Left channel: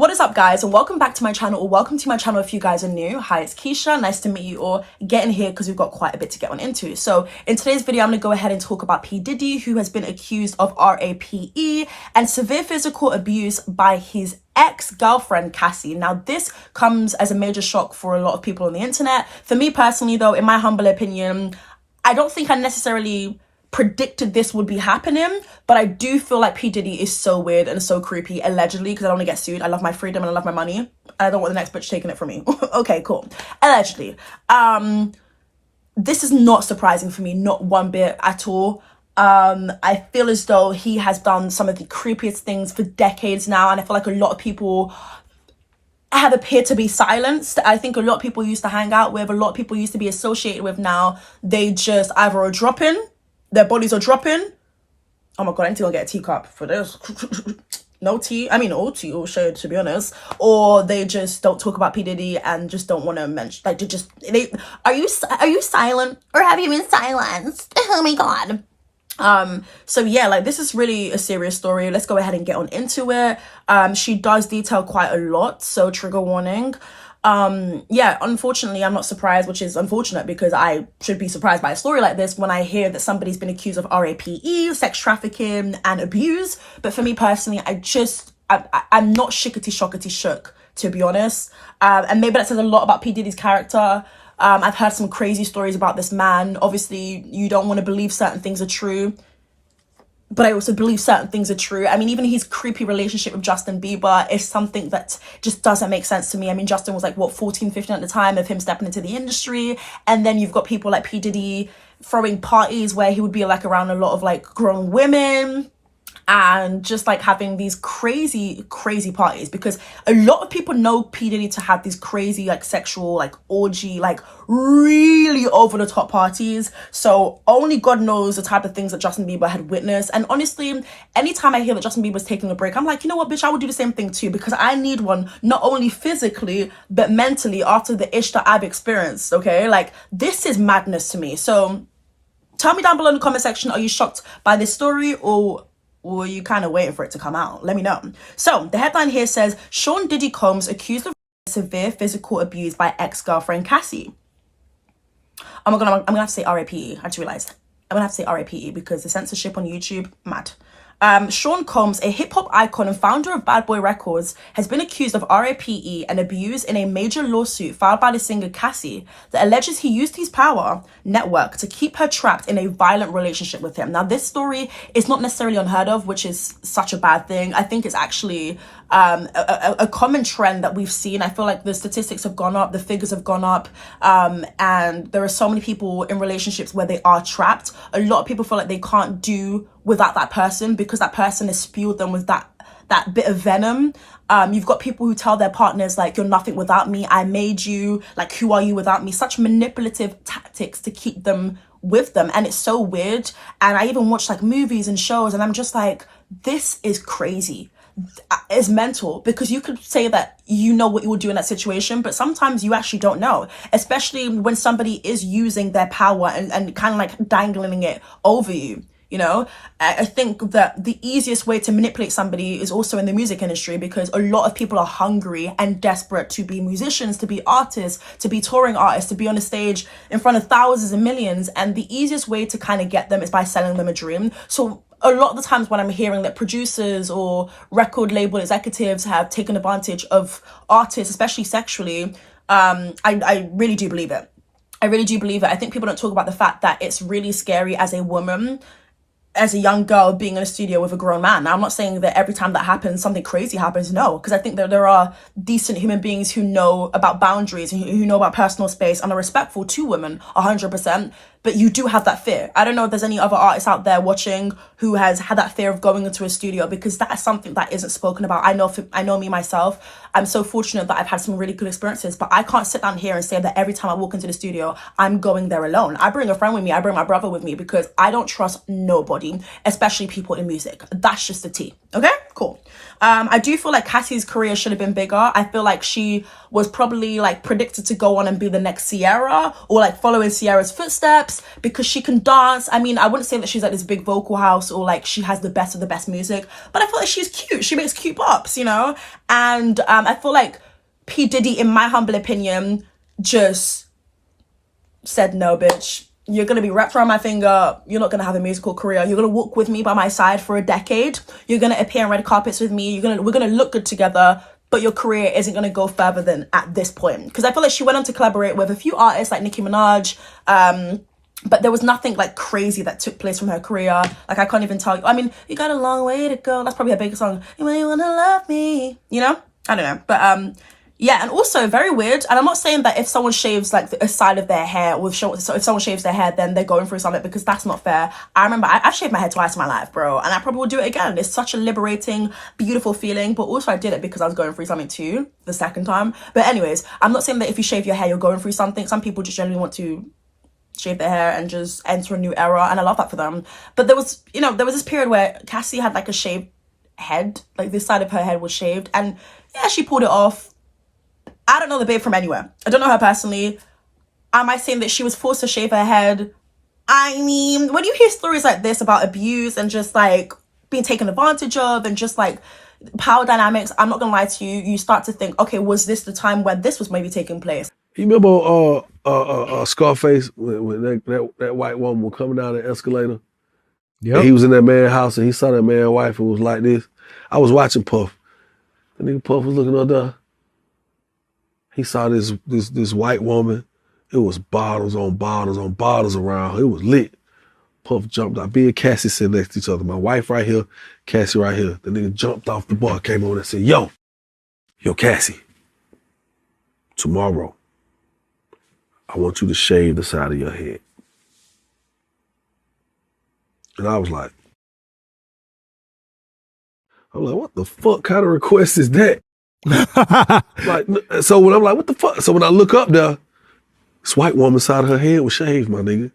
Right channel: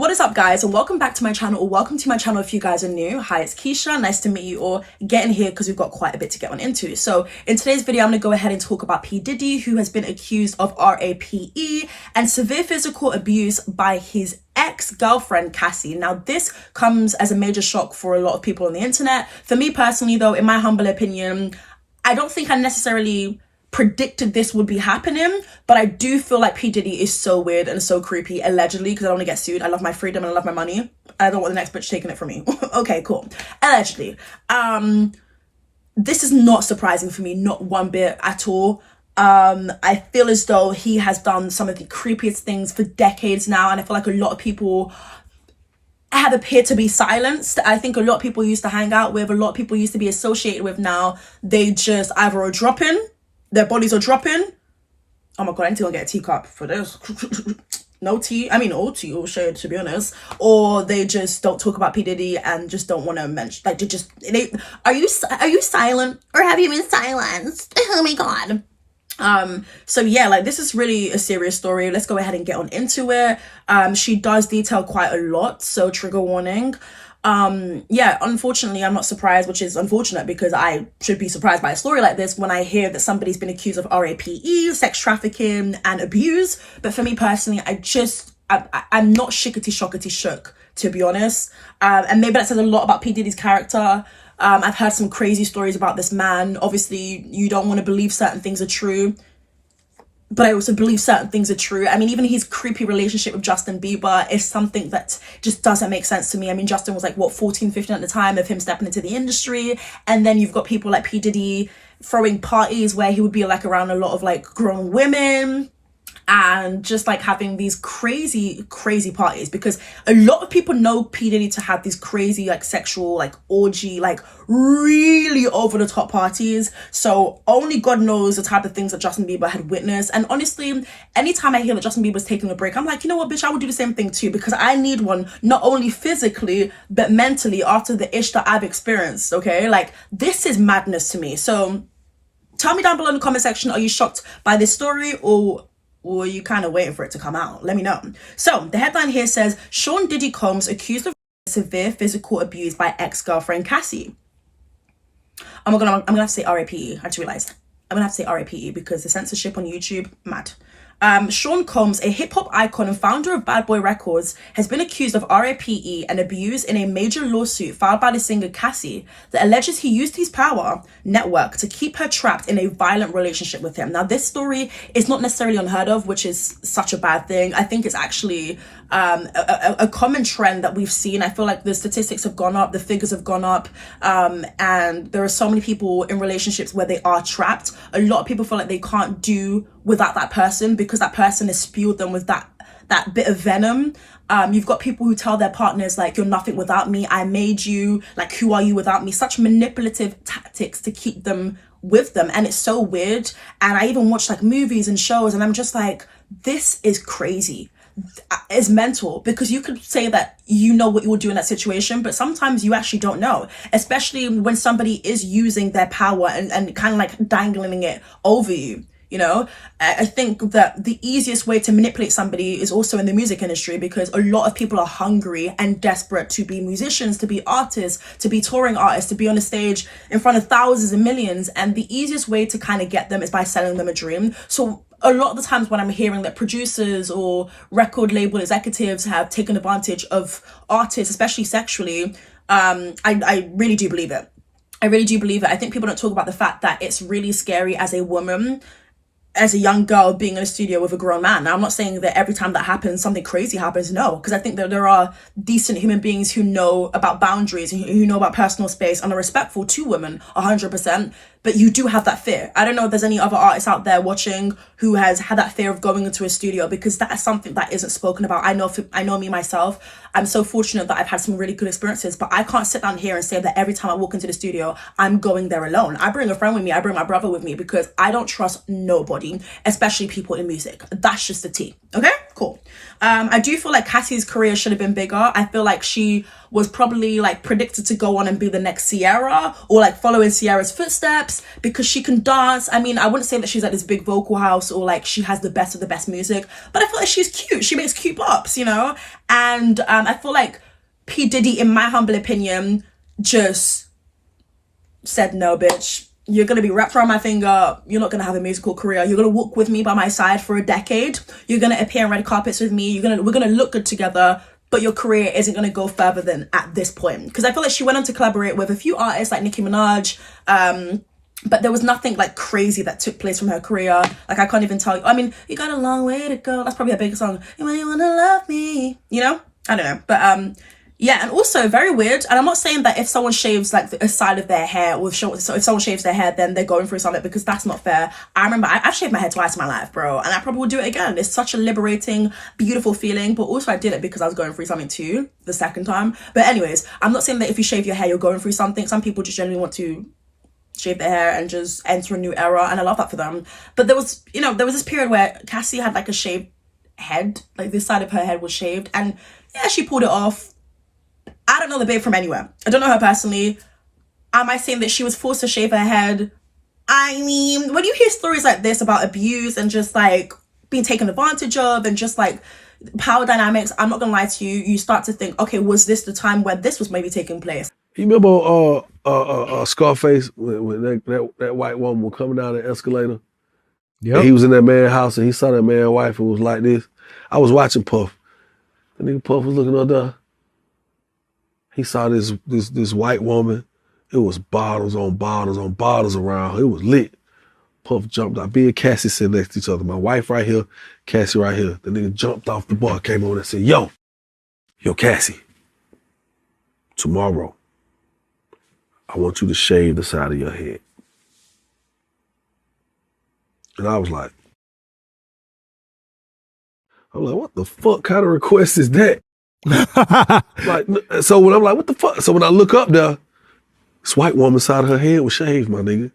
What is up, guys, and welcome back to my channel, or welcome to my channel if you guys are new. Hi, it's Keisha. Nice to meet you all. Get in here because we've got quite a bit to get on into. So in today's video, I'm going to go ahead and talk about P.Diddy, who has been accused of RAPE and severe physical abuse by his ex-girlfriend Cassie. Now, this comes as a major shock for a lot of people on the internet. For me personally, though, in my humble opinion, I don't think I necessarily predicted this would be happening, but I do feel like P. Diddy is so weird and so creepy, allegedly, because I don't want to get sued. I love my freedom and I love my money. I don't want the next bitch taking it from me. Okay, cool. Allegedly. This is not surprising for me, not one bit at all. I feel as though he has done some of the creepiest things for decades now, and I feel like a lot of people have appeared to be silenced. I think a lot of people used to hang out with, a lot of people used to be associated with, now they just either are dropping, their bodies are dropping. Oh my god, I need to go get a teacup for this. No tea. I mean, all tea, all shade, to be honest. Or they just don't talk about P. Diddy and just don't want to mention. Like, are you silent, or have you been silenced? Oh my god. So yeah, like, this is really a serious story. Let's go ahead and get on into it. She does detail quite a lot, so trigger warning. Yeah, unfortunately, I'm not surprised, which is unfortunate because I should be surprised by a story like this when I hear that somebody's been accused of RAPE, sex trafficking, and abuse. But for me personally, I'm not shookity shook, to be honest. And maybe that says a lot about P. Diddy's character. I've heard some crazy stories about this man. Obviously, you don't want to believe certain things are true, but I also believe certain things are true. I mean, even his creepy relationship with Justin Bieber is something that just doesn't make sense to me. I mean, Justin was like, what, 14, 15 at the time of him stepping into the industry. And then you've got people like P. Diddy throwing parties where he would be like around a lot of like grown women and just like having these crazy parties, because a lot of people know P. Diddy to have these crazy like sexual like orgy, like really over the top parties. So only God knows the type of things that Justin Bieber had witnessed. And honestly, anytime I hear that Justin Bieber's taking a break, I'm like, you know what, bitch, I would do the same thing too, because I need one, not only physically but mentally, after the ish that I've experienced. Okay, like, this is madness to me. So tell me down below in the comment section, are you shocked by this story, or are you kind of waiting for it to come out? Let me know. So the headline here says, Sean Diddy Combs accused of severe physical abuse by ex-girlfriend Cassie. I'm gonna have to say RAPE. I just realized I'm gonna have to say RAPE because the censorship on YouTube, mad. Sean Combs, a hip-hop icon and founder of Bad Boy Records, has been accused of RAPE and abuse in a major lawsuit filed by the singer Cassie that alleges he used his power network to keep her trapped in a violent relationship with him. Now, this story is not necessarily unheard of, which is such a bad thing. I think it's actually a common trend that we've seen. I feel like the statistics have gone up, the figures have gone up, and there are so many people in relationships where they are trapped. A lot of people feel like they can't do without that person because that person has spewed them with that bit of venom. You've got people who tell their partners, like, you're nothing without me, I made you, like, who are you without me? Such manipulative tactics to keep them with them, and it's so weird. And I even watch like movies and shows, and I'm just like, this is crazy. It's mental, because you could say that you know what you would do in that situation, but sometimes you actually don't know, especially when somebody is using their power and kind of like dangling it over you. You know, I think that the easiest way to manipulate somebody is also in the music industry, because a lot of people are hungry and desperate to be musicians, to be artists, to be touring artists, to be on the stage in front of thousands and millions. And the easiest way to kind of get them is by selling them a dream. So a lot of the times when I'm hearing that producers or record label executives have taken advantage of artists, especially sexually, I really do believe it. I really do believe it. I think people don't talk about the fact that it's really scary as a woman, as a young girl, being in a studio with a grown man. Now, I'm not saying that every time that happens, something crazy happens. No, because I think that there are decent human beings who know about boundaries and who know about personal space and are respectful to women 100%. But you do have that fear. I don't know if there's any other artists out there watching who has had that fear of going into a studio, because that is something that isn't spoken about. I know me myself. I'm so fortunate that I've had some really good experiences, but I can't sit down here and say that every time I walk into the studio, I'm going there alone. I bring a friend with me. I bring my brother with me, because I don't trust nobody, especially people in music. That's just the tea. Okay, cool. I do feel like Cassie's career should have been bigger. I feel like she was probably like predicted to go on and be the next Sierra, or like follow in Sierra's footsteps, because she can dance. I mean, I wouldn't say that she's like this big vocal house or like she has the best of the best music, but I feel like she's cute. She makes cute pops, you know? And I feel like P. Diddy, in my humble opinion, just said, no, bitch. You're going to be wrapped around my finger. You're not going to have a musical career. You're going to walk with me by my side for a decade. You're going to appear on red carpets with me. We're going to look good together, but your career isn't going to go further than at this point. Because I feel like she went on to collaborate with a few artists like Nicki Minaj, but there was nothing like crazy that took place from her career. Like, I can't even tell you. I mean, you got a long way to go. That's probably her biggest song. You really want to love me, you know? I don't know. But yeah, and also very weird. And I'm not saying that if someone shaves like a side of their hair, or if someone shaves their hair, then they're going through something, because that's not fair. I remember I've shaved my hair twice in my life, bro, and I probably will do it again. It's such a liberating, beautiful feeling. But also I did it because I was going through something too, the second time. But anyways, I'm not saying that if you shave your hair, you're going through something. Some people just generally want to shave their hair and just enter a new era, and I love that for them. But there was this period where Cassie had like a shaved head, like this side of her head was shaved, and yeah, she pulled it off. I don't know the babe from anywhere. I don't know her personally. Am I saying that she was forced to shave her head? I mean, when you hear stories like this about abuse and just like being taken advantage of and just like power dynamics, I'm not gonna lie to you, you start to think, okay, was this the time when this was maybe taking place? You remember Scarface, when that white woman was coming down the escalator? Yep. He was in that man's house and he saw that man's wife who was like this. I was watching Puff. The nigga Puff was looking up there. He saw this white woman. It was bottles on bottles on bottles around her. It was lit. Puff jumped out. Me and Cassie sitting next to each other. My wife right here, Cassie right here. The nigga jumped off the bar, came over and said, yo, Cassie, tomorrow, I want you to shave the side of your head. And I was like, what the fuck kind of request is that? Like, so when I'm like, what the fuck? So when I look up there, this white woman's side of her head was shaved, my nigga.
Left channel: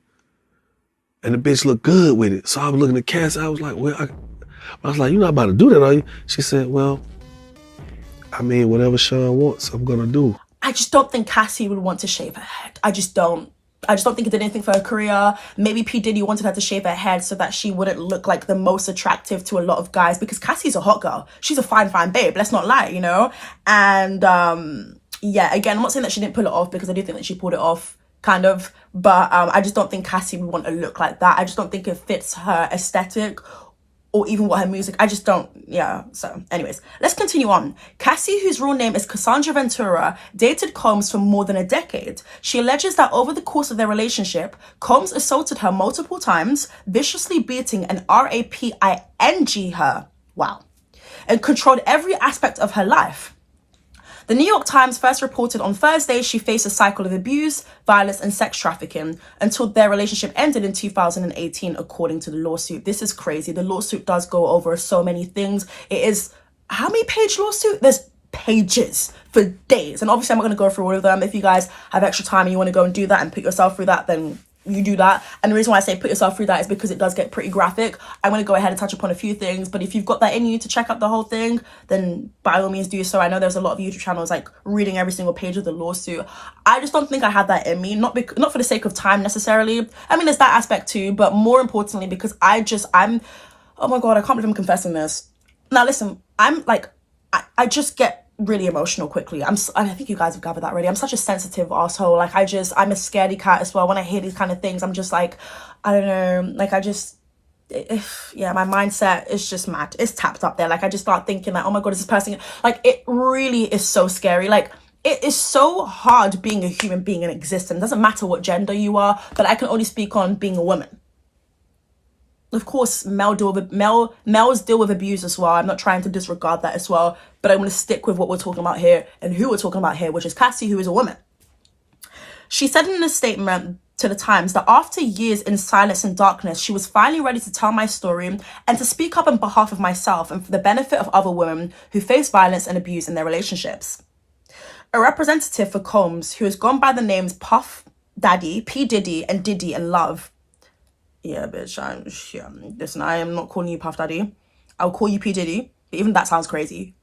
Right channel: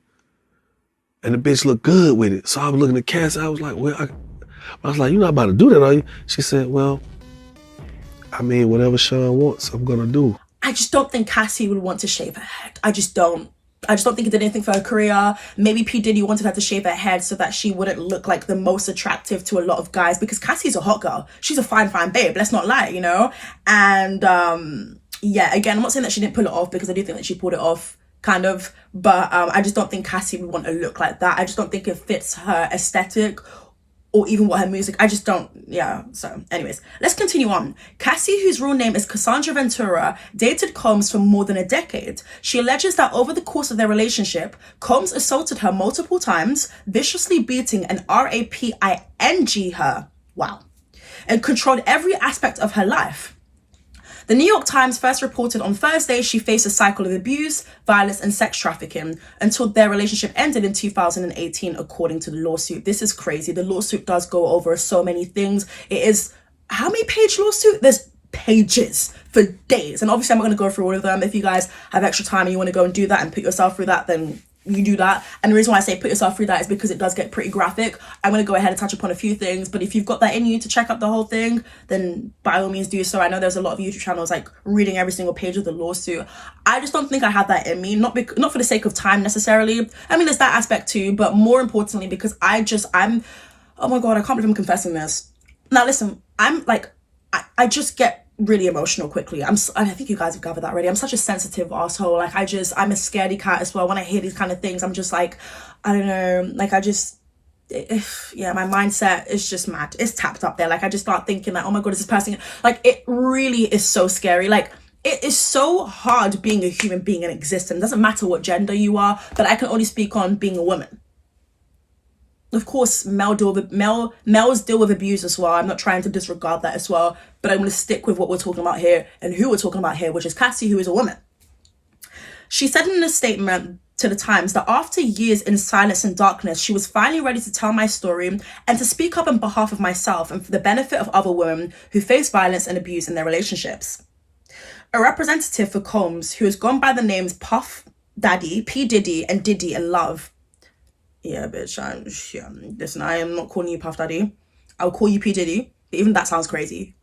And the bitch looked good with it. So I was looking at Cassie, I was like, well, I was like, you're not about to do that, are you? She said, well, I mean, whatever Sean wants, I'm gonna do. I just don't think Cassie would want to shave her head. I just don't think it did anything for her career. Maybe P. Diddy wanted her to shave her head so that she wouldn't look like the most attractive to a lot of guys, because Cassie's a hot girl. She's a fine babe. Let's not lie, you know? And yeah, again, I'm not saying that she didn't pull it off, because I do think that she pulled it off, kind of. But I just don't think Cassie would want a look like that. I just don't think it fits her aesthetic or even what her music, I just don't, yeah. So anyways, let's continue on. Cassie, whose real name is Cassandra Ventura, dated Combs for more than a decade. She alleges that over the course of their relationship, Combs assaulted her multiple times, viciously beating and raping her, wow, and controlled every aspect of her life. The New York Times first reported on Thursday she faced a cycle of abuse, violence, and sex trafficking until their relationship ended in 2018, according to the lawsuit. This is crazy. The lawsuit does go over so many things. It is, how many page lawsuit? There's pages for days. And obviously I'm not going to go through all of them. If you guys have extra time and you want to go and do that and put yourself through that, then you do that. And the reason why I say put yourself through that is because it does get pretty graphic. I'm going to go ahead and touch upon a few things, but if you've got that in you to check out the whole thing, then by all means do so. I know there's a lot of YouTube channels like reading every single page of the lawsuit. I just don't think I have that in me, not for the sake of time necessarily. I mean, there's that aspect too, but more importantly because I'm oh my God, I can't believe I'm confessing this. Now listen, I'm like, I just get really emotional quickly. And I think you guys have gathered that already. I'm such a sensitive asshole. Like I'm a scaredy cat as well. When I hear these kind of things, I'm just like, I don't know, like yeah, my mindset is just mad. It's tapped up there. Like I just start thinking like, oh my God, is this person, like it really is so scary. Like it is so hard being a human being in existence. It doesn't matter what gender you are, but I can only speak on being a woman. Of course, males deal with abuse as well. I'm not trying to disregard that as well, but I'm going to stick with what we're talking about here and who we're talking about here, which is Cassie, who is a woman. She said in a statement to the Times that after years in silence and darkness, she was finally ready to tell my story and to speak up on behalf of myself and for the benefit of other women who face violence and abuse in their relationships. A representative for Combs, who has gone by the names Puff Daddy, P. Diddy, and Diddy in Love. Yeah, bitch, listen, I am not calling you Puff Daddy. I'll call you P. Diddy. Even that sounds crazy.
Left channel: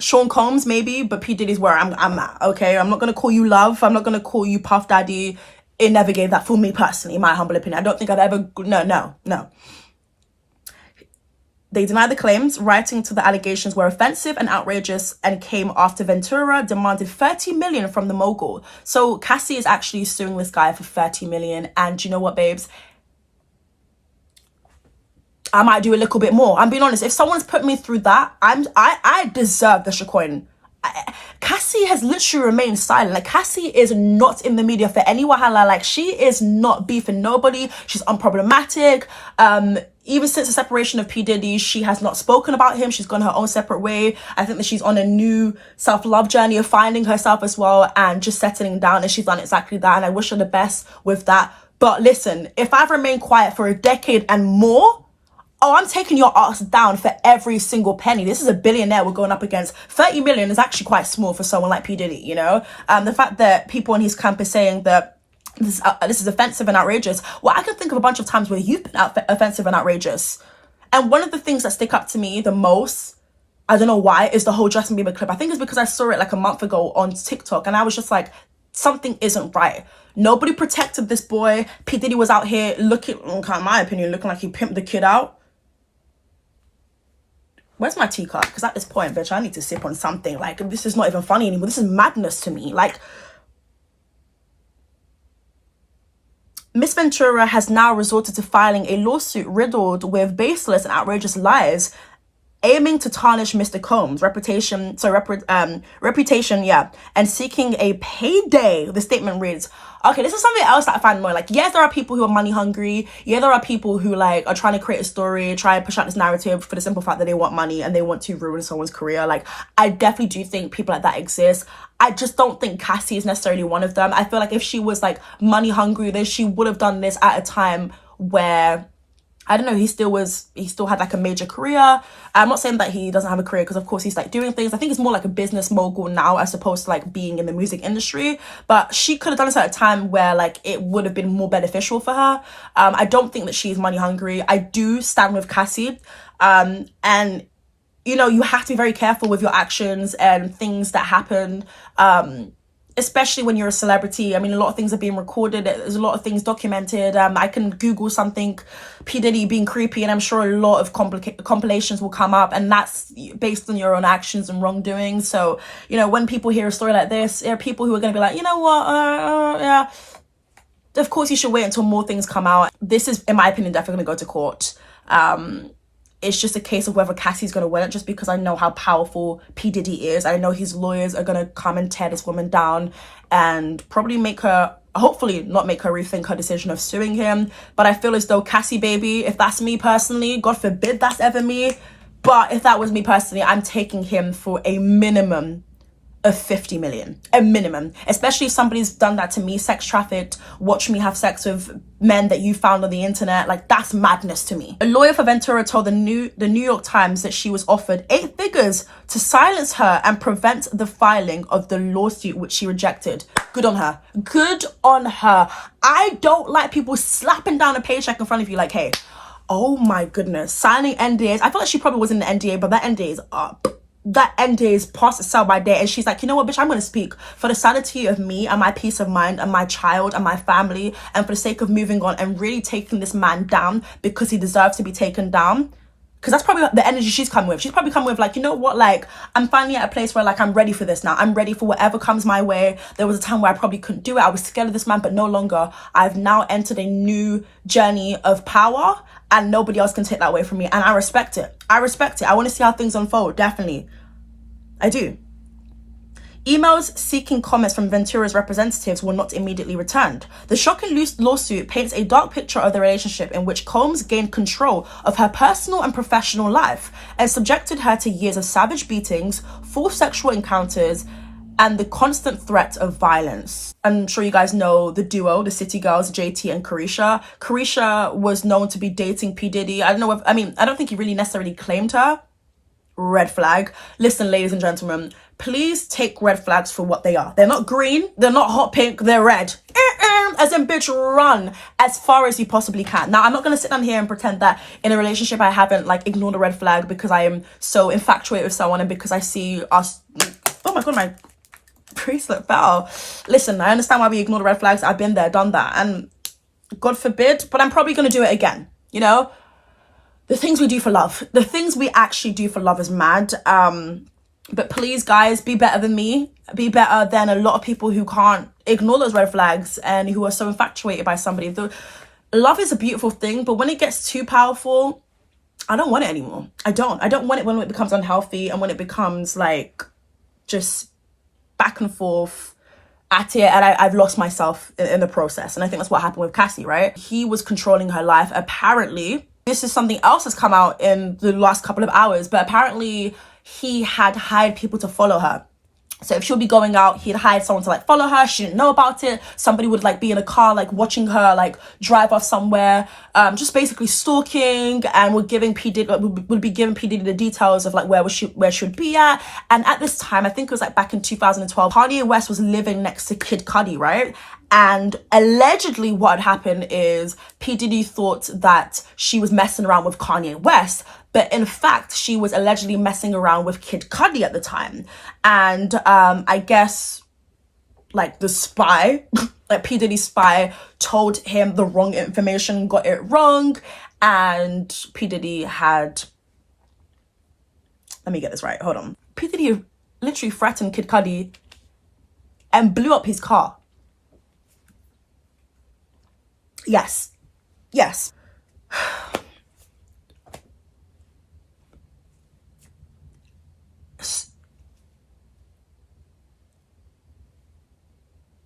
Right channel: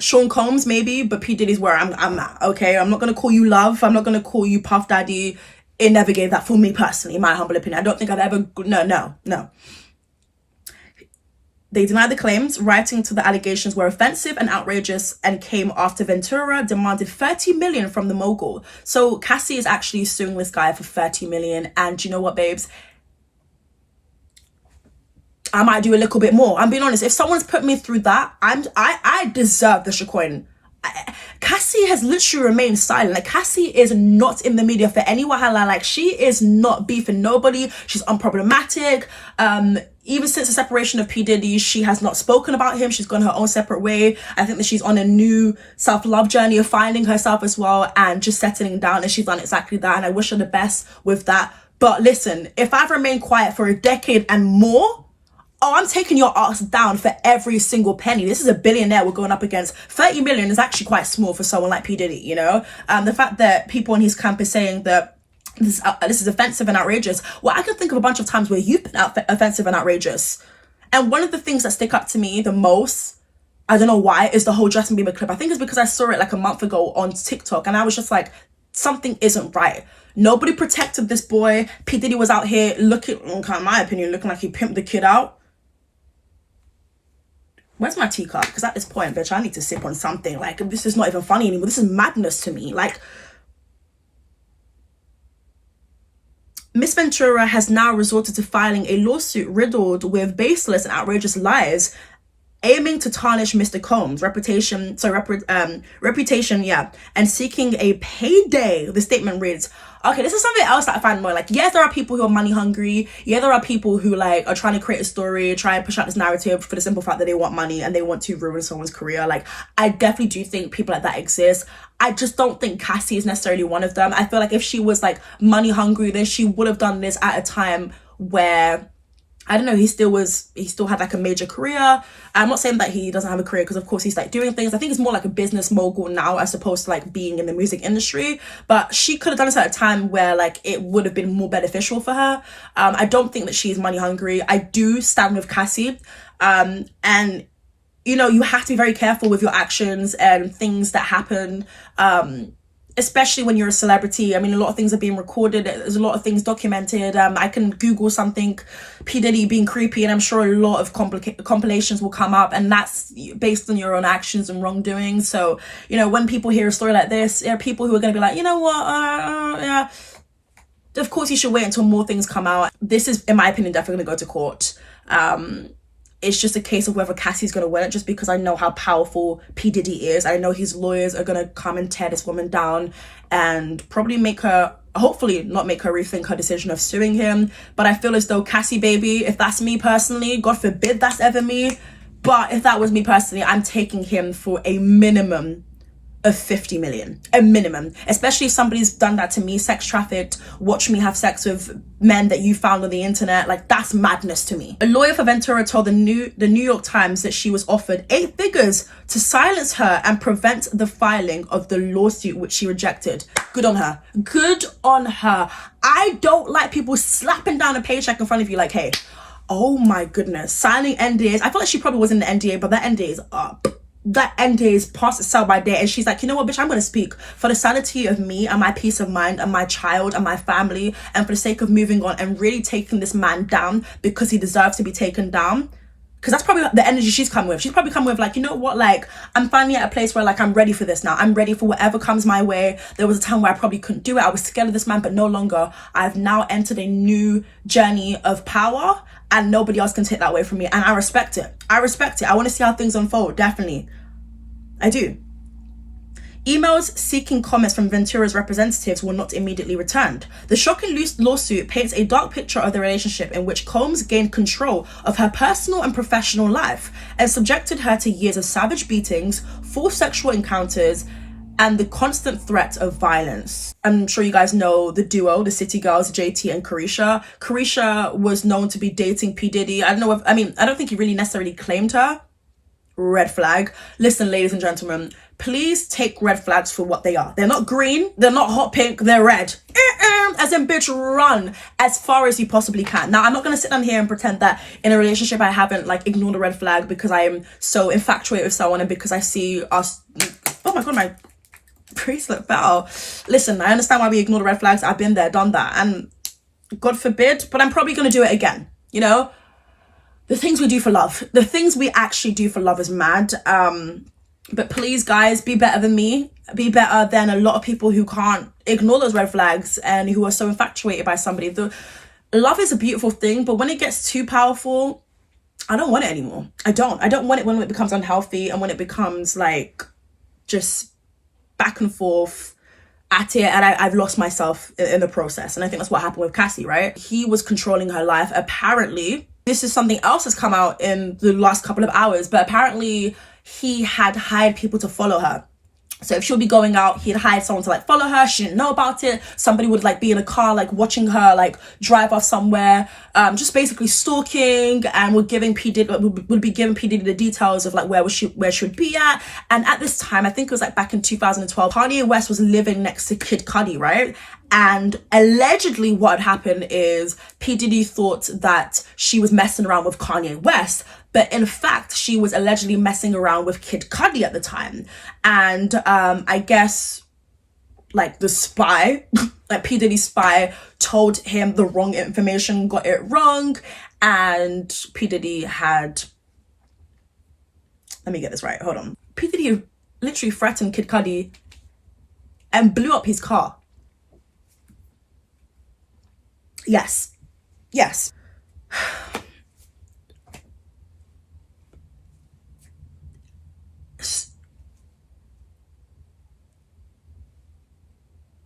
Sean Combs, maybe, but P. Diddy's where I'm at, okay? I'm not going to call you love. I'm not going to call you Puff Daddy. It never gave that for me personally, in my humble opinion. I don't think I'd ever... No. They denied the claims, writing to the allegations were offensive and outrageous and came after Ventura demanded $30 million from the mogul. So Cassie is actually suing this guy for $30 million. And you know what, babes? I might do a little bit more. I'm being honest. If someone's put me through that, I deserve the shitcoin. Cassie has literally remained silent. Like, Cassie is not in the media for any wahala. Like, she is not beefing nobody. She's unproblematic. Even since the separation of P. Diddy, she has not spoken about him. She's gone her own separate way. I think that she's on a new self-love journey of finding herself as well and just settling down, and she's done exactly that, and I wish her the best with that. But listen, if I've remained quiet for a decade and more, I'm taking your ass down for every single penny. This is a billionaire we're going up against. 30 million is actually quite small for someone like P. Diddy, you know? The fact that people in his camp are saying that this is offensive and outrageous. Well, I can think of a bunch of times where you've been offensive and outrageous. And one of the things that stick up to me the most, I don't know why, is the whole Justin Bieber clip. I think it's because I saw it like a month ago on TikTok and I was just like, something isn't right. Nobody protected this boy. P. Diddy was out here looking, in my opinion, looking like he pimped the kid out. Where's my teacup? Because at this point, bitch, I need to sip on something. Like, this is not even funny anymore. This is madness to me. Like, Miss Ventura has now resorted to filing a lawsuit riddled with baseless and outrageous lies, aiming to tarnish Mr. Combs' reputation, and seeking a payday. The statement reads, okay, this is something else that I find annoying. Like, yes, there are people who are money hungry. Yeah, there are people who, like, are trying to create a story, try and push out this narrative for the simple fact that they want money and they want to ruin someone's career. Like, I definitely do think people like that exist. I just don't think Cassie is necessarily one of them. I feel like if she was, like, money hungry, then she would have done this at a time where, I don't know, he still had, like, a major career. I'm not saying that he doesn't have a career, because of course he's like doing things. I think it's more like a business mogul now as opposed to like being in the music industry. But she could have done this at a time where like it would have been more beneficial for her. I don't think that she's money hungry. I do stand with Cassie. And you know, you have to be very careful with your actions and things that happen. Especially when you're a celebrity. I mean, a lot of things are being recorded. There's a lot of things documented. I can Google something, P. Diddy being creepy, and I'm sure a lot of compilations will come up, and that's based on your own actions and wrongdoing. So, you know, when people hear a story like this, there are people who are going to be like, you know what, yeah. Of course, you should wait until more things come out. This is, in my opinion, definitely going to go to court. It's just a case of whether Cassie's going to win it, just because I know how powerful P. Diddy is. I know his lawyers are going to come and tear this woman down and probably make her, hopefully not make her rethink her decision of suing him. But I feel as though Cassie, baby, if that's me personally, God forbid that's ever me, but if that was me personally, I'm taking him for a minimum of 50 million, a minimum, especially if somebody's done that to me, sex trafficked, watch me have sex with men that you found on the internet. Like, that's madness to me. A lawyer for Ventura told the New York Times that she was offered 8 figures to silence her and prevent the filing of the lawsuit, which she rejected. Good on her. Good on her. I don't like people slapping down a paycheck in front of you like, hey, oh my goodness, signing NDAs. I feel like she probably was in the NDA, but that NDA is up. That NDA is past itself by day, and she's like, you know what, bitch, I'm going to speak for the sanity of me and my peace of mind and my child and my family, and for the sake of moving on and really taking this man down because he deserves to be taken down. Because that's probably the energy she's coming with. She's probably coming with like, you know what, like, I'm finally at a place where like I'm ready for this now. I'm ready for whatever comes my way. There was a time where I probably couldn't do it. I was scared of this man, but no longer. I've now entered a new journey of power, and nobody else can take that away from me. And I respect it. I respect it. I want to see how things unfold. Definitely. I do. Emails seeking comments from Ventura's representatives were not immediately returned. The shocking lawsuit paints a dark picture of the relationship in which Combs gained control of her personal and professional life and subjected her to years of savage beatings, forced sexual encounters, and the constant threat of violence. I'm sure you guys know the duo, the City Girls, JT and ItzKeisha. ItzKeisha was known to be dating P. Diddy. I don't think he really necessarily claimed her. Red flag. Listen, ladies and gentlemen, please take red flags for what they are. They're not green, they're not hot pink, they're red. run, as in bitch, run as far as you possibly can. Now, I'm not going to sit down here and pretend that in a relationship I haven't like ignored a red flag because I am so infatuated with someone and because I see us, oh my God, my bracelet fell. Listen, I understand why we ignore the red flags. I've been there, done that, and God forbid, but I'm probably going to do it again, you know? The things we do for love, the things we actually do for love is mad. But please, guys, be better than me. Be better than a lot of people who can't ignore those red flags and who are so infatuated by somebody. Love is a beautiful thing, but when it gets too powerful, I don't want it anymore. I don't want it when it becomes unhealthy and when it becomes like just back and forth at it, and I've lost myself in the process. And I think that's what happened with Cassie, right? He was controlling her life. Apparently, this is something else that's come out in the last couple of hours, but apparently he had hired people to follow her. So if she'll be going out, he'd hired someone to like follow her. She didn't know about it. Somebody would like be in a car, like watching her like drive off somewhere, just basically stalking, and would be giving P. Diddy the details of like where she'd be at. And at this time, I think it was like back in 2012, Kanye West was living next to Kid Cudi, right? And allegedly what had happened is P. Diddy thought that she was messing around with Kanye West, but in fact, she was allegedly messing around with Kid Cudi at the time. And I guess like the spy, like P. Diddy's spy, told him the wrong information, got it wrong. And P. Diddy had, let me get this right, hold on. P. Diddy literally threatened Kid Cudi and blew up his car. Yes.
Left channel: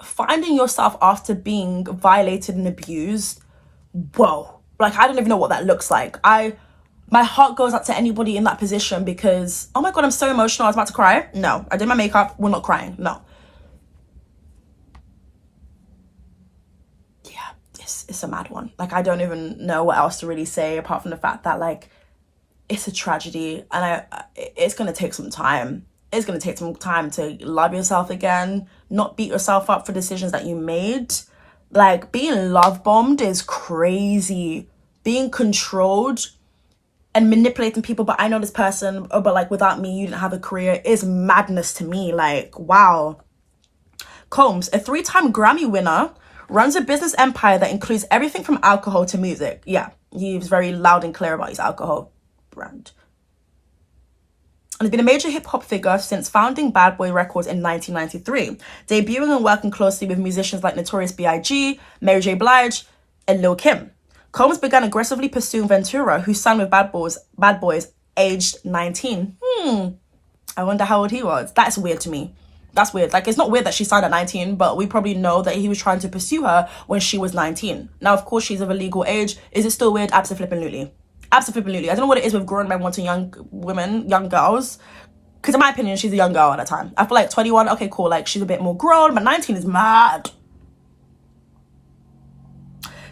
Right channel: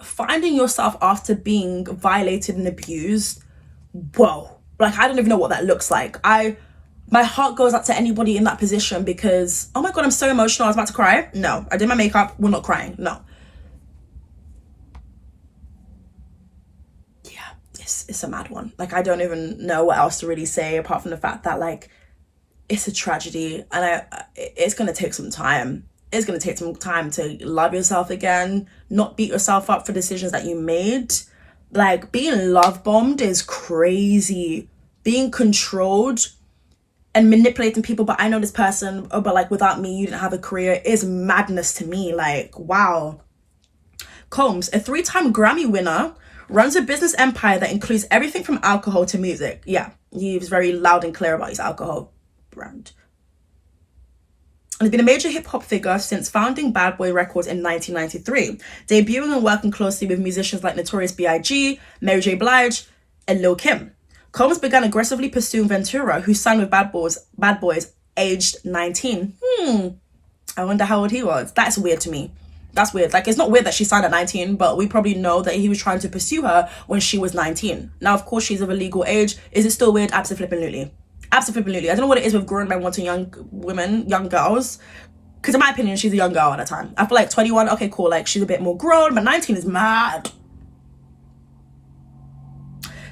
Finding yourself after being violated and abused, whoa. Like, I don't even know what that looks like. My heart goes out to anybody in that position because, oh my God, I'm so emotional. I was about to cry. No, I did my makeup. We're not crying. No. It's a mad one. Like, I don't even know what else to really say apart from the fact that like it's a tragedy, and it's gonna take some time. It's gonna take some time to love yourself again, not beat yourself up for decisions that you made. Like, being love bombed is crazy. Being controlled and manipulating people, but I know this person, oh, but like without me you didn't have a career, is madness to me. Like, wow. Combs, a 3-time Grammy winner, runs a business empire that includes everything from alcohol to music. Yeah, he was very loud and clear about his alcohol brand. And he's been a major hip-hop figure since founding Bad Boy Records in 1993, debuting and working closely with musicians like Notorious B.I.G., Mary J. Blige, and Lil Kim. Combs began aggressively pursuing Ventura, who signed with Bad Boys aged 19. I wonder how old he was. That's weird to me. That's weird. Like, it's not weird that she signed at 19, but we probably know that he was trying to pursue her when she was 19. Now, of course, she's of a legal age. Is it still weird? Absolutely. Absolutely. I don't know what it is with grown men wanting young women, young girls. Because in my opinion, she's a young girl at that time. I feel like 21, okay, cool. Like, she's a bit more grown, but 19 is mad.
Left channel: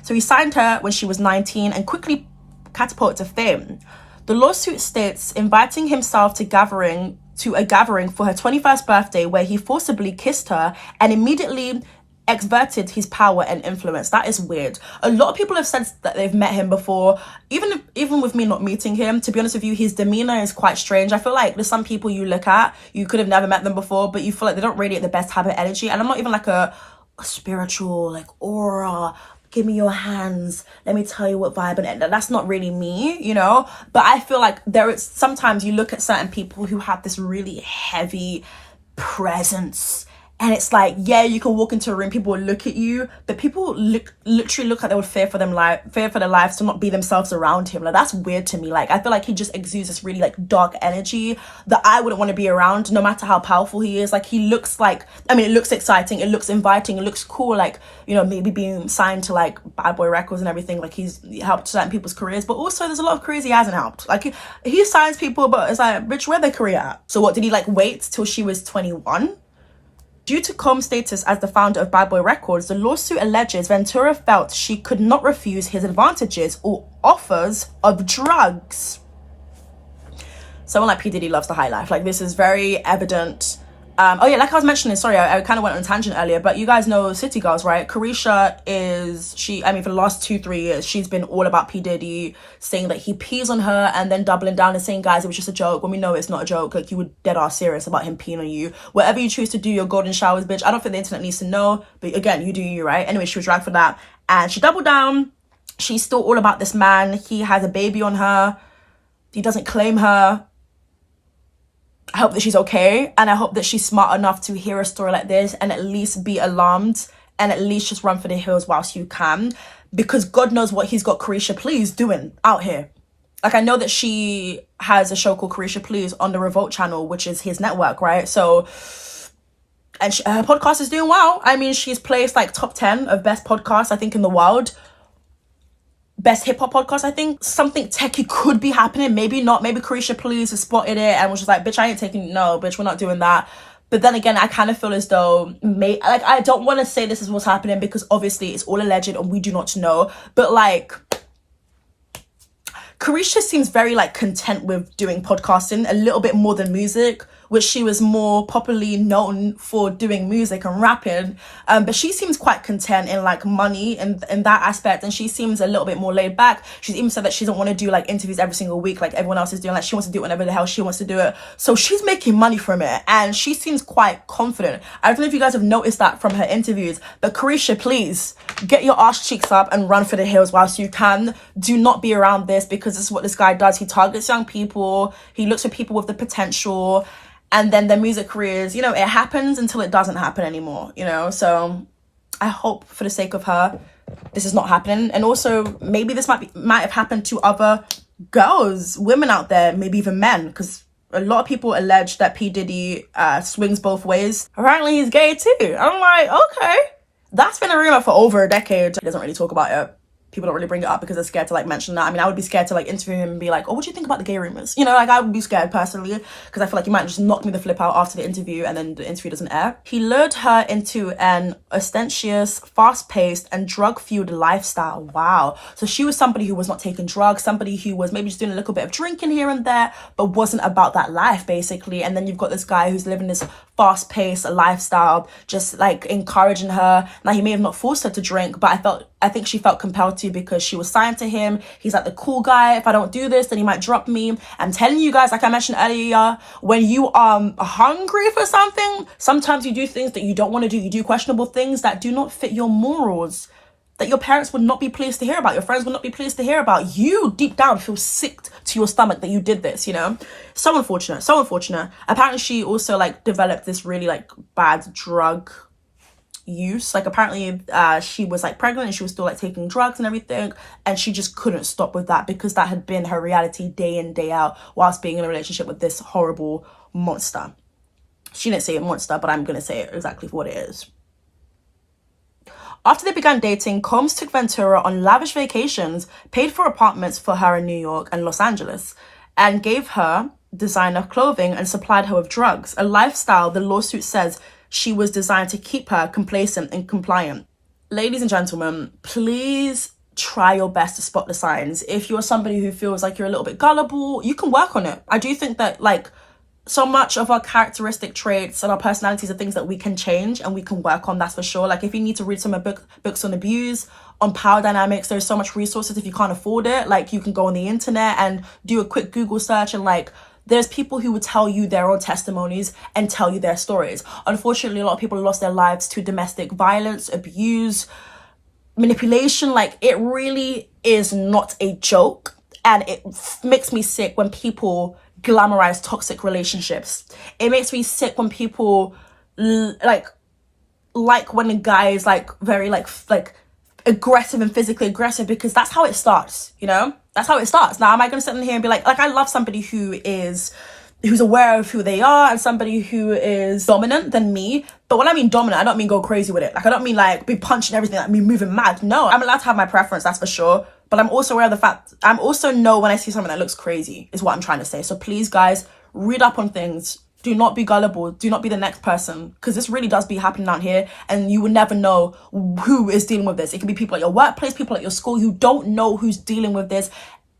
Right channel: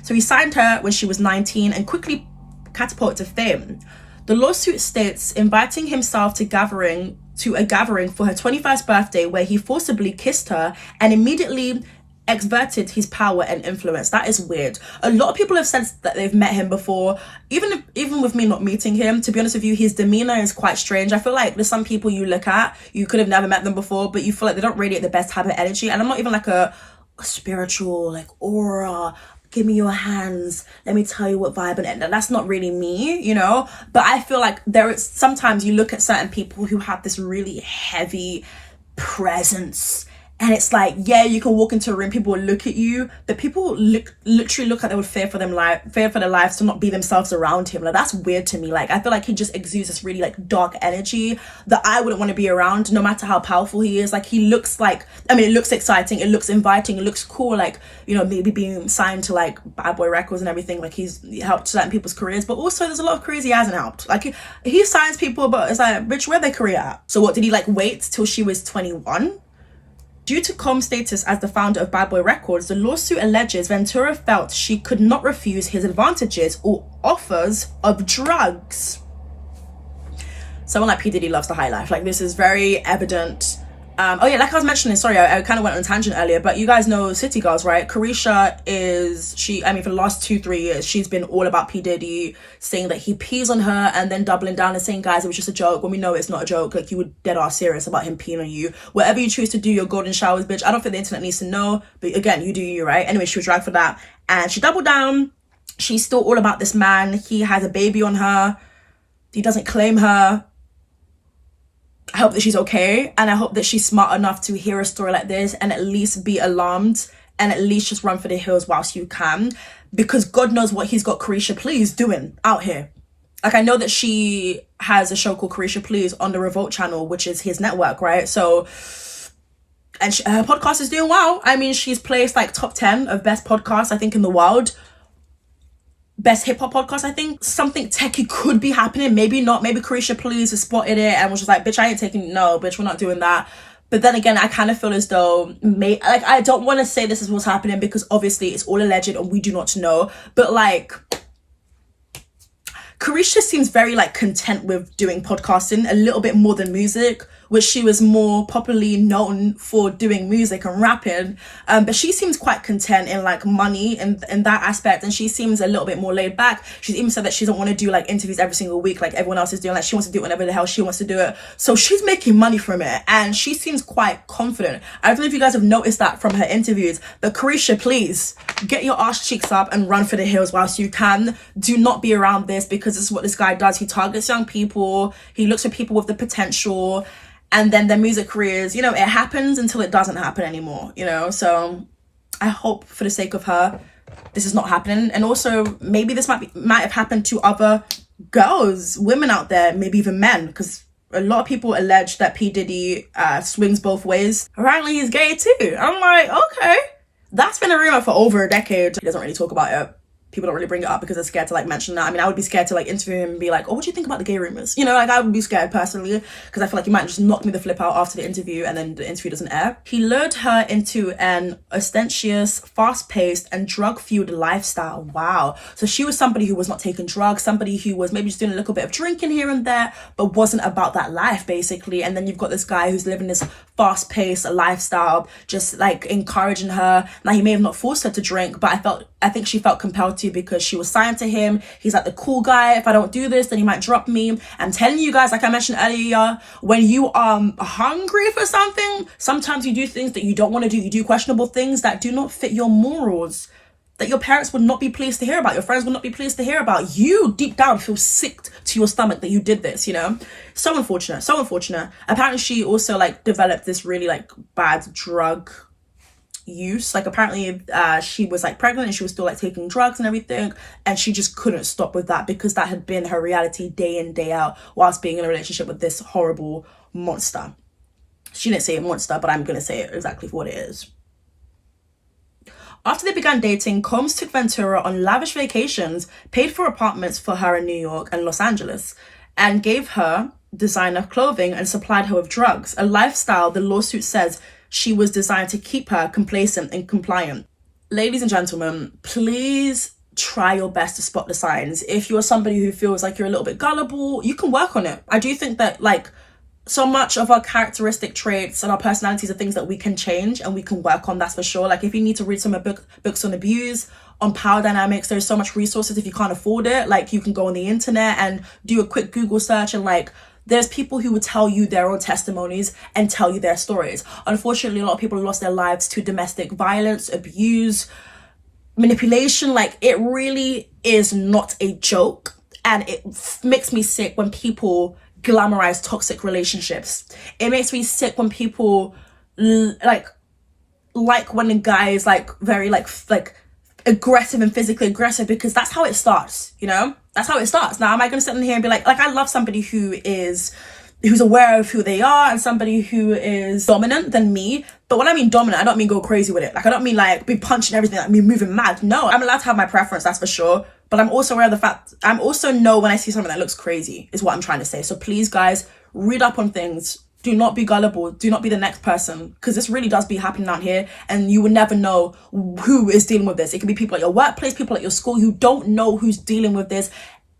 So he signed her when she was 19 and quickly catapulted to fame. The lawsuit states inviting himself to a gathering for her 21st birthday where he forcibly kissed her and immediately exerted his power and influence. That is weird. A lot of people have said that they've met him before. Even with me not meeting him, to be honest with you, his demeanor is quite strange. I feel like there's some people you look at, you could have never met them before, but you feel like they don't radiate the best type of energy. And I'm not even like a spiritual, like, aura, give me your hands, let me tell you what vibe, and that's not really me, you know. But I feel like there is sometimes you look at certain people who have this really heavy presence, and it's like, yeah, you can walk into a room, people will look at you, but people literally look like they would fear for their lives to not be themselves around him. Like, that's weird to me. Like, I feel like he just exudes this really like dark energy that I wouldn't want to be around, no matter how powerful he is. Like, he looks like, I mean, it looks exciting, it looks inviting, it looks cool, like, you know, maybe being signed to like Bad Boy Records and everything, like he's helped certain people's careers, but also there's a lot of careers he hasn't helped. Like, he signs people, but it's like, bitch, where'd their career at? So what, did he like wait till she was 21? Due to Combs' status as the founder of Bad Boy Records, the lawsuit alleges Ventura felt she could not refuse his advantages or offers of drugs. Someone like P. Diddy loves the high life. Like, this is very evident. Oh yeah, like I was mentioning, sorry, I kind of went on a tangent earlier, but you guys know City Girls, right? ItzKeisha for the last 2-3 years, she's been all about P. Diddy, saying that he pees on her and then doubling down and saying, guys, it was just a joke, when we know it's not a joke. Like, you were dead ass serious about him peeing on you. Whatever you choose to do, your golden showers, bitch. I don't think the internet needs to know, but again, you do you, right? Anyway, she was dragged for that. And she doubled down. She's still all about this man. He has a baby on her. He doesn't claim her. I hope that she's okay, and I hope that she's smart enough to hear a story like this and at least be alarmed and at least just run for the hills whilst you can, because God knows what he's got ItzKeisha Please doing out here. Like, I know that she has a show called ItzKeisha Please on the Revolt channel, which is his network, right? So, and her podcast is doing well. I mean, she's placed like top 10 of best podcasts, I think, in the world. Best hip hop podcast, I think. Something techie could be happening. Maybe not. Maybe ItzKeisha Please has spotted it and was just like, bitch, I ain't taking, no, bitch, we're not doing that. But then again, I kind of feel as though, I don't want to say this is what's happening, because obviously it's all alleged and we do not know. But like, ItzKeisha seems very like content with doing podcasting a little bit more than music, which she was more popularly known for doing music and rapping. But she seems quite content in like money and in that aspect. And she seems a little bit more laid back. She's even said that she doesn't want to do like interviews every single week like everyone else is doing. Like, she wants to do whatever the hell she wants to do it. So she's making money from it. And she seems quite confident. I don't know if you guys have noticed that from her interviews. But ItzKeisha, please get your arse cheeks up and run for the hills whilst you can. Do not be around this, because this is what this guy does. He targets young people. He looks for people with the potential. And then their music careers, you know, it happens until it doesn't happen anymore, you know? So I hope for the sake of her, this is not happening. And also, maybe this might have happened to other girls, women out there, maybe even men, because a lot of people allege that P. Diddy swings both ways. Apparently he's gay too. I'm like, okay. That's been a rumor for over a decade. He doesn't really talk about it. People don't really bring it up because they're scared to like mention that. I mean, I would be scared to like interview him and be like, oh, what do you think about the gay rumors? You know, like, I would be scared personally, because I feel like he might just knock me the flip out after the interview and then the interview doesn't air. He lured her into an ostentatious, fast-paced and drug-fueled lifestyle. Wow. So she was somebody who was not taking drugs, somebody who was maybe just doing a little bit of drinking here and there, but wasn't about that life basically. And then you've got this guy who's living this fast-paced lifestyle, just like encouraging her. Now, he may have not forced her to drink, but I think she felt compelled to, because she was signed to him. He's like the cool guy. If I don't do this, then he might drop me. I'm telling you guys, like I mentioned earlier, when you are hungry for something, sometimes you do things that you don't want to do. You do questionable things that do not fit your morals, that your parents would not be pleased to hear about, your friends would not be pleased to hear about. You deep down feel sick to your stomach that you did this, you know? So unfortunate, so unfortunate. Apparently she also like developed this really like bad drug use. Like, apparently she was like pregnant and she was still like taking drugs and everything, and she just couldn't stop with that, because that had been her reality day in, day out, whilst being in a relationship with this horrible monster. She didn't say a monster, but I'm gonna say it exactly for what it is. After they began dating, Combs took Ventura on lavish vacations, paid for apartments for her in New York and Los Angeles, and gave her designer clothing and supplied her with drugs, a lifestyle the lawsuit says she was designed to keep her complacent and compliant. Ladies and gentlemen, please try your best to spot the signs. If you're somebody who feels like you're a little bit gullible, you can work on it. I do think that like so much of our characteristic traits and our personalities are things that we can change and we can work on, that's for sure. Like, if you need to read some books on abuse, on power dynamics, there's so much resources. If you can't afford it, like, you can go on the internet and do a quick Google search, and like, there's people who would tell you their own testimonies and tell you their stories. Unfortunately, a lot of people lost their lives to domestic violence, abuse, manipulation. Like, it really is not a joke. And it makes me sick when people glamorize toxic relationships. It makes me sick when people like when a guy is like very like aggressive and physically aggressive, because that's how it starts, you know? That's how it starts. Now, am I going to sit in here and be like I love somebody who's aware of who they are and somebody who is dominant than me. But when I mean dominant, I don't mean go crazy with it. Like, I don't mean like be punching everything, like me moving mad. No, I'm allowed to have my preference, that's for sure. But I'm also aware of the fact, I'm also know when I see something that looks crazy, is what I'm trying to say. So please, guys, read up on things. Do not be gullible. Do not be the next person, because this really does be happening out here, and you will never know who is dealing with this. It could be people at your workplace, people at your school. You don't know who's dealing with this.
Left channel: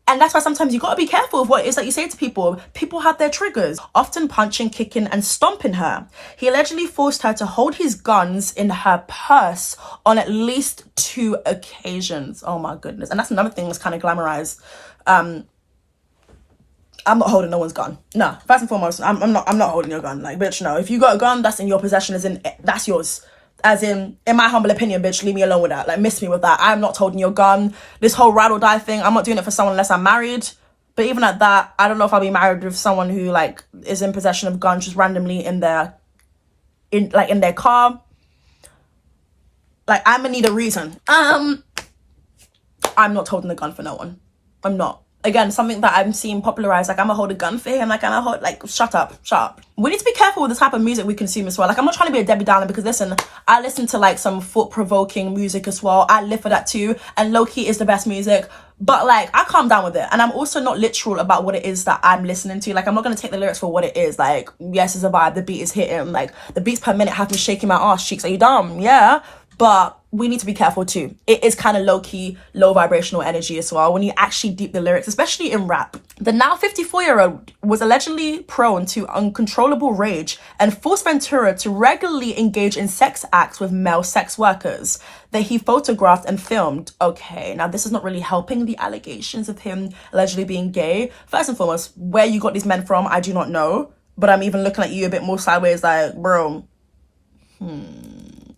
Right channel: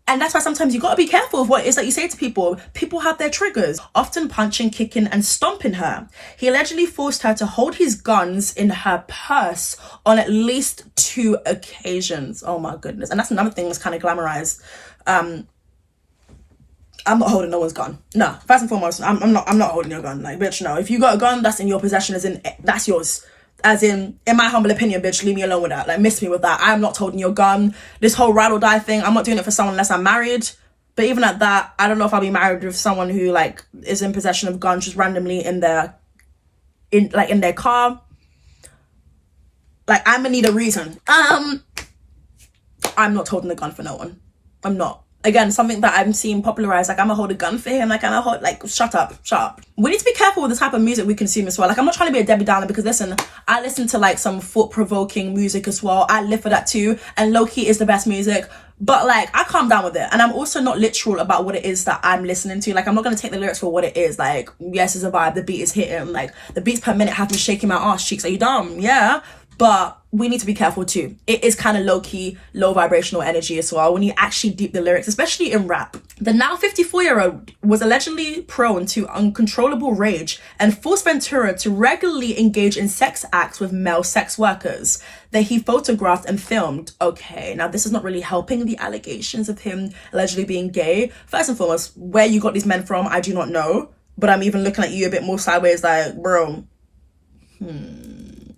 And that's why sometimes you gotta be careful of what it is that you say to people. People have their triggers, often punching, kicking, and stomping her. He allegedly forced her to hold his guns in her purse on at least 2 occasions. Oh my goodness. And that's another thing that's kind of glamorized. I'm not holding no one's gun. No, first and foremost, I'm not holding your gun. Like, bitch, no. If you got a gun, that's in your possession, that's yours. As in my humble opinion, bitch, leave me alone with that. Like, miss me with that. I'm not holding your gun. This whole ride or die thing, I'm not doing it for someone unless I'm married. But even at that, I don't know if I'll be married with someone who, like, is in possession of guns just randomly in their car. Like, I'm gonna need a reason. I'm not holding a gun for no one. I'm not. Again, something that I'm seeing popularized, like, I'm gonna hold a gun for him, like, I'm gonna hold, like, shut up. We need to be careful with the type of music we consume as well. Like, I'm not trying to be a Debbie Downer, because listen, I listen to, like, some thought-provoking music as well. I live for that too, and low-key is the best music. But, like, I calm down with it, and I'm also not literal about what it is that I'm listening to. Like, I'm not gonna take the lyrics for what it is. Like, yes, it's a vibe, the beat is hitting, like, the beats per minute have me shaking my ass cheeks. Are you dumb? Yeah. But we need to be careful too. It is kind of low-key, low vibrational energy as well when you actually deep the lyrics, especially in rap. The now 54-year-old was allegedly prone to uncontrollable rage and forced Ventura to regularly engage in sex acts with male sex workers that he photographed and filmed. Okay, now this is not really helping the allegations of him allegedly being gay. First and foremost, where you got these men from, I do not know. But I'm even looking at you a bit more sideways like, bro,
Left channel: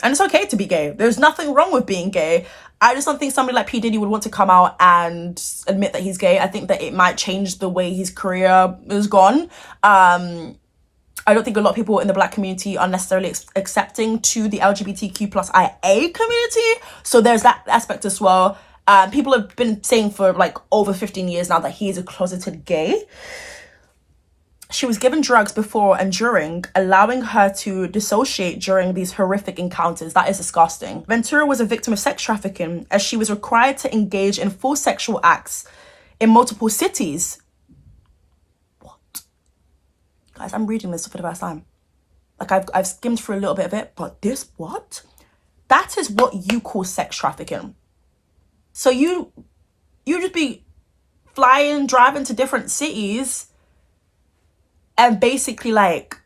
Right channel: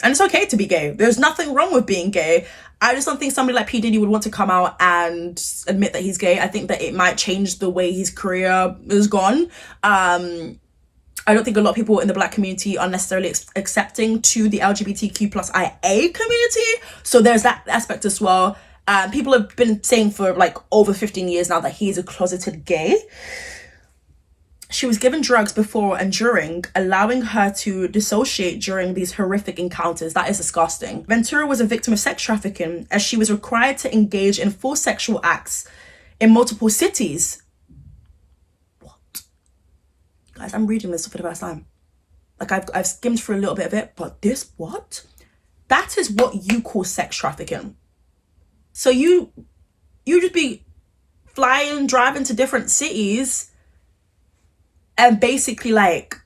And it's okay to be gay. There's nothing wrong with being gay. I just don't think somebody like P. Diddy would want to come out and admit that he's gay. I think that it might change the way his career is gone. I don't think a lot of people in the Black community are necessarily accepting to the LGBTQ plus IA community. So there's that aspect as well. People have been saying for like over 15 years now that he is a closeted gay. She was given drugs before and during, allowing her to dissociate during these horrific encounters. That is disgusting. Ventura was a victim of sex trafficking as she was required to engage in full sexual acts in multiple cities. What? Guys, I'm reading this for the first time. Like, I've skimmed through a little bit of it, but this, what? That is what you call sex trafficking. So you just be flying, driving to different cities and basically like,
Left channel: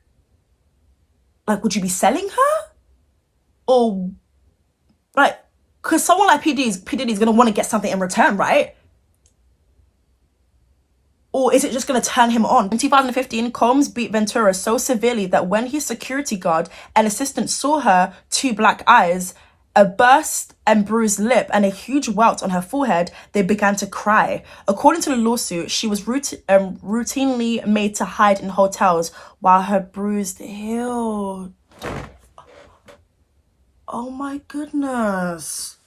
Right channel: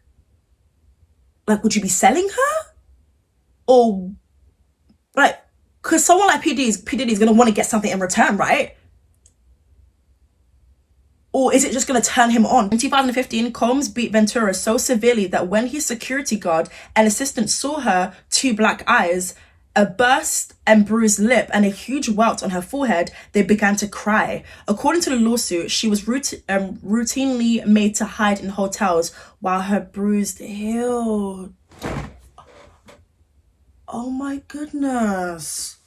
would you be selling her? Or, like, because someone like P. Diddy's going to want to get something in return, right? Or is it just going to turn him on? In 2015, Combs beat Ventura so severely that when his security guard and assistant saw her 2 black eyes, a burst and bruised lip, and a huge welt on her forehead, they began to cry. According to the lawsuit, she was routinely made to hide in hotels while her bruise healed. Oh my goodness.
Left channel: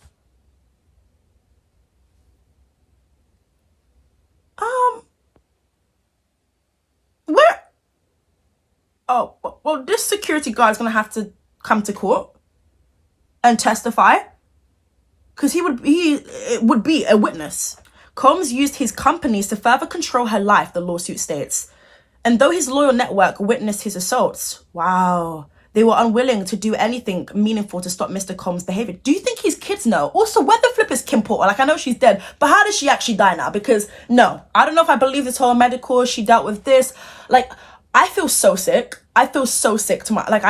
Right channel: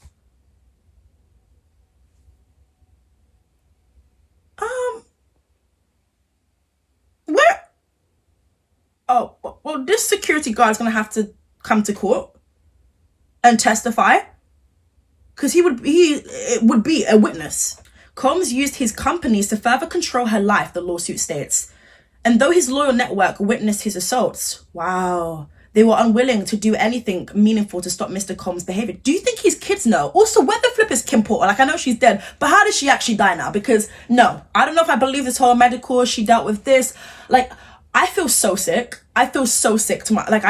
Where? Oh, well, this security guard is going to have to come to court and testify, because it would be a witness. Combs used his companies to further control her life, the lawsuit states. And though his loyal network witnessed his assaults, wow, they were unwilling to do anything meaningful to stop Mr. Combs' behavior. Do you think his kids know? Also, where the flip is Kim Porter? Like, I know she's dead, but how did she actually die now? Because, no, I don't know if I believe this whole medical, she dealt with this. Like, I feel so sick. I feel so sick to my, like,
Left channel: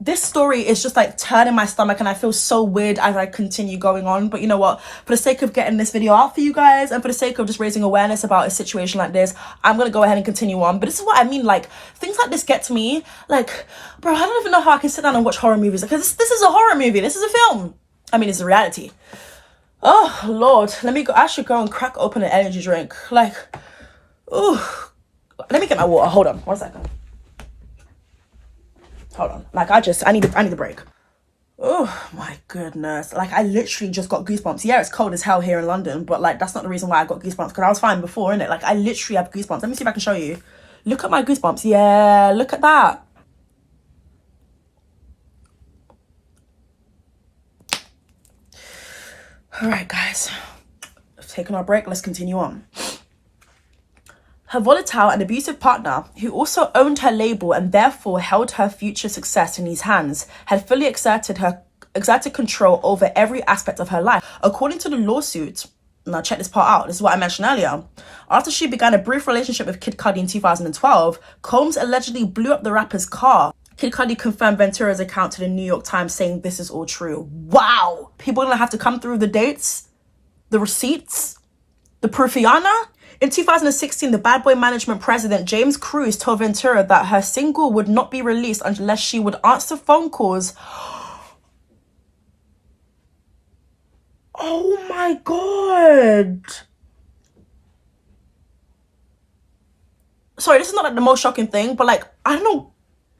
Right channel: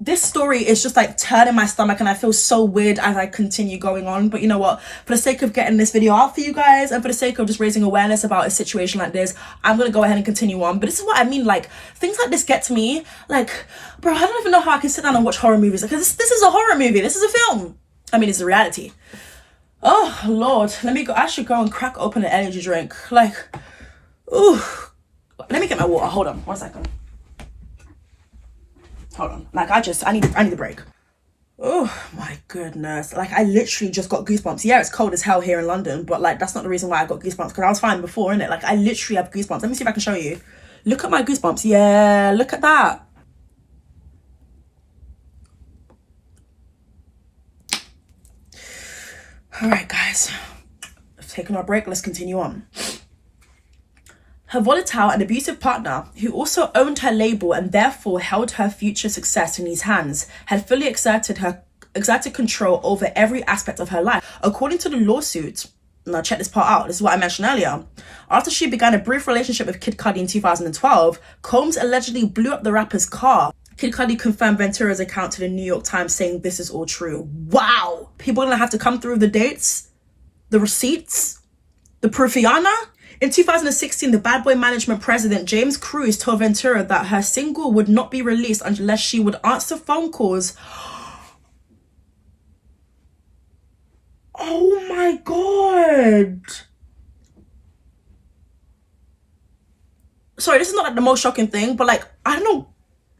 this story is just like turning my stomach, and I feel so weird as I continue going on. But you know what? For the sake of getting this video out for you guys, and for the sake of just raising awareness about a situation like this, I'm going to go ahead and continue on. But this is what I mean. Like, things like this get to me. Like, bro, I don't even know how I can sit down and watch horror movies. Because this is a horror movie. This is a film. I mean, it's a reality. Oh, Lord. Let me go. I should go and crack open an energy drink. Like, ooh. Let me get my water. Hold on. 1 second. Hold on. Like, I need a break. Oh my goodness. Like, I literally just got goosebumps. Yeah, it's cold as hell here in London, but like, that's not the reason why I got goosebumps, because I was fine before, innit? Like, I literally have goosebumps. Let me see if I can show you. Look at my goosebumps. Yeah, look at that. All right, guys. Let's take our break. Let's continue on. Her volatile and abusive partner, who also owned her label and therefore held her future success in his hands, had fully exerted control over every aspect of her life. According to the lawsuit, Now check this part out. This is what I mentioned earlier. After she began a brief relationship with Kid Cudi in 2012, Combs allegedly blew up the rapper's car. Kid Cudi confirmed Ventura's account to the New York Times, saying this is all true. Wow! People are gonna have to come through the dates, the receipts, the proofiana. In 2016, the Bad Boy Management president, James Cruz, told Ventura that her single would not be released unless she would answer phone calls. Oh my God. Sorry, this is not like the most shocking thing, but like, I don't know.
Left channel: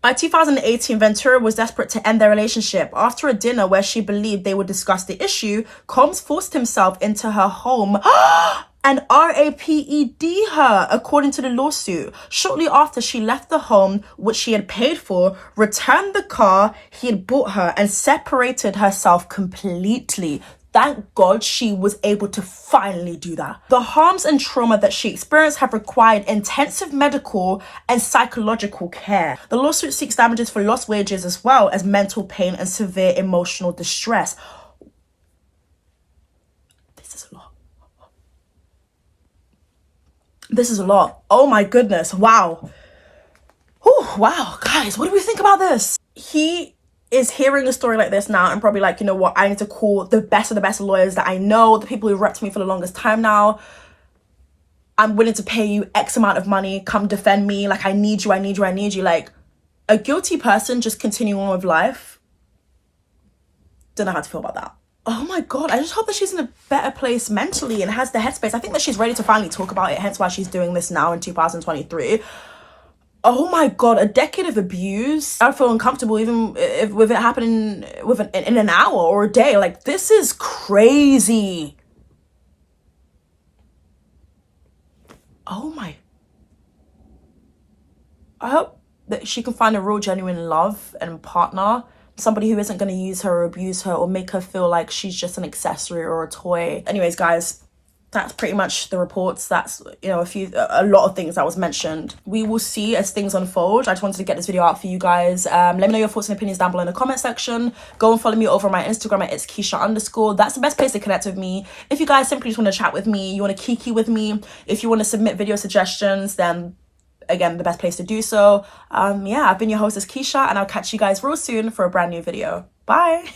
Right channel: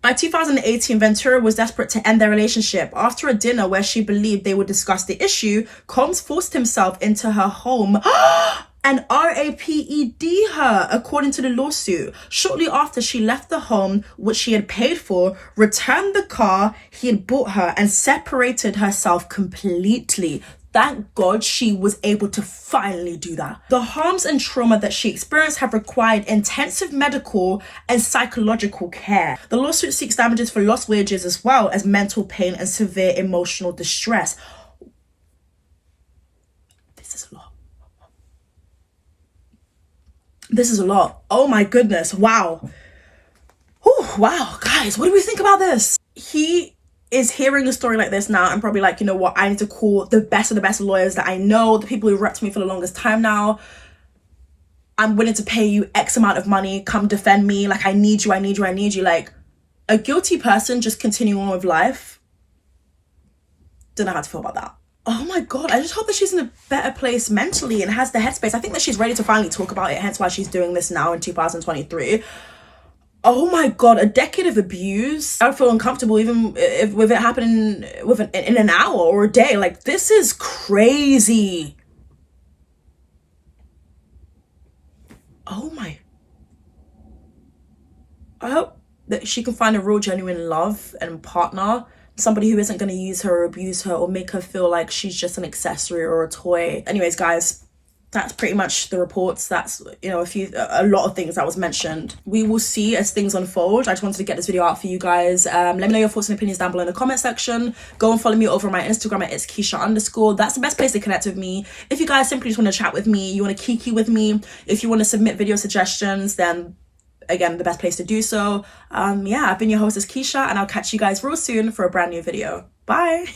By 2018, Ventura was desperate to end their relationship. After a dinner where she believed they would discuss the issue, Combs forced himself into her home and raped her, according to the lawsuit. Shortly after she left the home, which she had paid for, returned the car he had bought her, and separated herself completely. Thank God she was able to finally do that. The harms and trauma that she experienced have required intensive medical and psychological care. The lawsuit seeks damages for lost wages as well as mental pain and severe emotional distress. This is a lot. This is a lot. Oh my goodness. Wow. Whew, wow. Guys, what do we think about this? He is hearing a story like this now and probably like, you know what, I need to call the best of the best lawyers that I know, the people who repped me for the longest time now. I'm willing to pay you X amount of money. Come defend me. Like, I need you, I need you, I need you. Like, a guilty person just continuing on with life. Don't know how to feel about that. Oh my God, I just hope that she's in a better place mentally and has the headspace. I think that she's ready to finally talk about it, hence why she's doing this now in 2023. Oh my God, a decade of abuse. I feel uncomfortable even if with it happening in an hour or a day. Like, this is crazy. Oh my. I hope that she can find a real genuine love and partner. Somebody who isn't going to use her or abuse her or make her feel like she's just an accessory or a toy. Anyways, guys, that's pretty much the reports. That's, you know, a lot of things that was mentioned. We will see as things unfold. I just wanted to get this video out for you guys. Let me know your thoughts and opinions down below in the comment section. Go and follow me over on my Instagram at ItzKeisha_. That's the best place to connect with me. If you guys simply just want to chat with me, you want to kiki with me, if you want to submit video suggestions, then again, the best place to do so. Yeah, I've been your host, ItzKeisha, and I'll catch you guys real soon for a brand new video. Bye.